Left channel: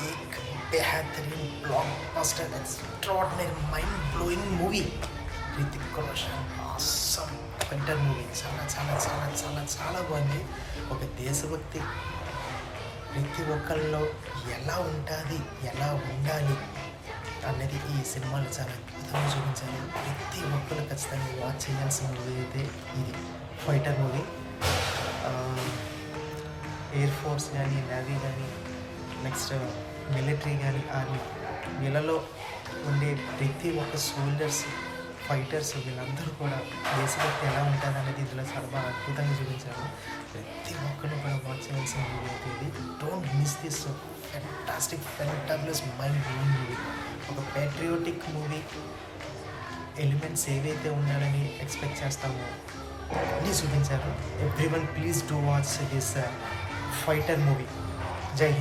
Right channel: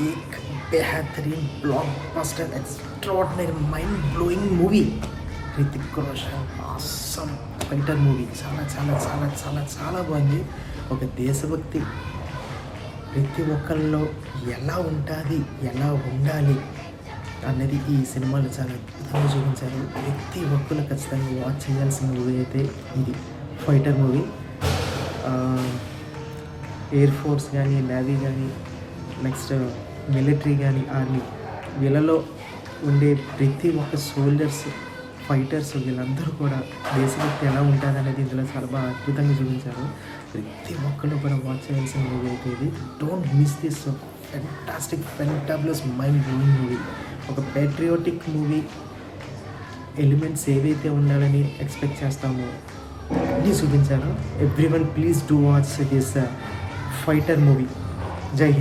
एक बेहतरीन blockbuster extraordinary mind blowing movie. Hrithik Roshan awesome Fighter movie చాలా చాలా చాలా చాలా చాలా బాగుంది. ఒక దేశభక్తి ప్రతి ఒక్కరిలో ఎలా ఉంటుంది, ఎలా ఉండాలి అనేది ఈ సినిమాలు చాలా అద్భుతంగా చూపించారు. ప్రతి ఒక్కరు ఖచ్చితంగా వాచ్ చేయాల్సిన మూవీ అయితే ఇది ఫైటర్ మూవీ. ఎయిర్ ఫోర్స్ కానీ, నేవీ కానీ, నెక్స్ట్ మిలిటరీ కానీ, ఆర్మీ, వీళ్ళలో ఉండే ప్రతి ఒక్క సోల్జర్స్, ఫైటర్స్, వీళ్ళందరూ కూడా దేశభక్తి ఎలా ఉంటారనేది ఇందులో చాలా బాగా అద్భుతంగా చూపించారు. ప్రతి ఒక్కరు కూడా వాచ్ చేయాల్సిన మూవీ అయితే ఇది. Don't miss this fantastic fantabulous mind blowing movie. ఒక పేట్రియాటిక్ మూవీ ఎలిమెంట్స్ ఏవైతే ఉండాలని ఎక్స్పెక్ట్ చేస్తామో అన్నీ చూపించారు. Everyone please do watch this fighter movie. జై హింద్.